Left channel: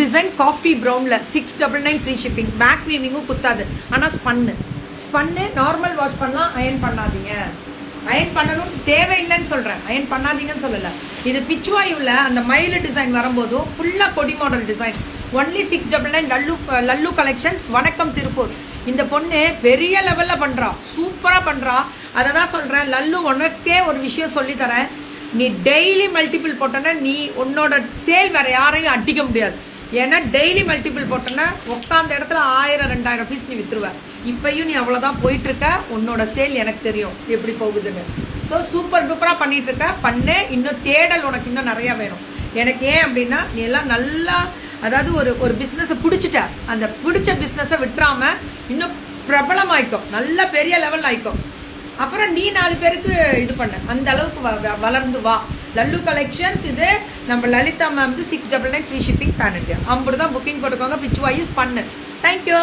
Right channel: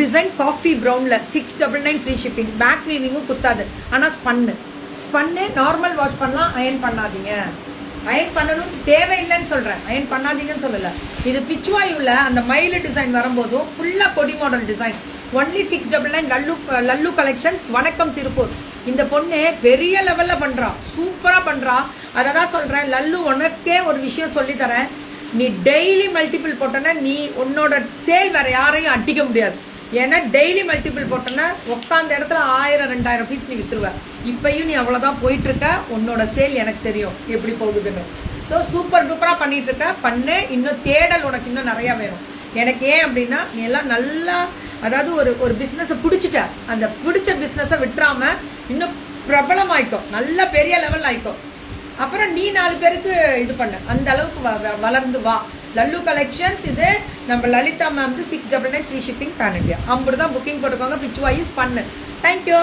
Design coffee ப்ரௌனில் 699 free shipping. Back வீவிங்கும் குத்தாது. ஆனால் ஸ்பன்னு நார்மல் வாஷ் பண்ணலாம். அயன் பண்ணாதீங்க. அயன் பண்ணணும் தேவையில்லைன்னு சொல்கிறேன், அயன் பண்ணாதீங்கன்னு சொல்லலை. இது பிச்சுவாயுவில் அந்த மயில் டிசைன் வரும்போதும் ஃபுல்லாக கொடி model design. Only 699 Lalu collections. வணக்கம் திருப்பூர். இந்த பொண்ணு பெரிய லெவலில் பண்ணுறா, சூப்பராக பண்ணுறா. அதை தான் சொல்கிறேன். லல்லு உனக்கே ஒரு விஷயம் சொல்லித்தரேன். நீ டெய்லி மல்டிபிள் போட்டோன்னா நீ உன்னோட சேல் வேற யாரையும் அடிக்க முடியாது. ஏன்னா டெய்லி மல்டிபிள் போட்டோன்னா உட்காந்த இடத்துல 1000-2000 பீஸ் நீ வித்துருவ. இப்பயும் நீ அவ்வளவுதான் போயிட்டு இருக்க. உன்னோட சேல் எனக்கு தெரியும் எப்படி போகுதுன்னு. ஸோ சூப்பர் டூப்பரா பண்ணிட்டு இருக்க. பண்ணு. இன்னும் தேடல் உனக்கு இன்னும் நிறைய வேணும். எனக்கு ஏன் அப்படின்னா நீ எல்லாம் நல்லா, அதாவது ஒரு பிசினஸை பிடிச்சிட்ட, அந்த பிடிச்ச பிசினஸை விட்டுறாம இன்னும் பிரபலம் ஆயிக்கும், நல்ல பெரிய லெவல் ஆயிக்கும். அப்புறம் நீ 4 பேருக்கு இது பண்ண, அந்த அளவுக்கு வளர்ந்து வா. லல்லு கலெக்ஷன்ஸ். இது நம்ம Lalitha ma'am 699 free shipping pan India. 50 தான் புக்கிங் போட்டுக்கோங்க. பிச் வாய்ஸ் பண்ணு. தேங்க்யூ.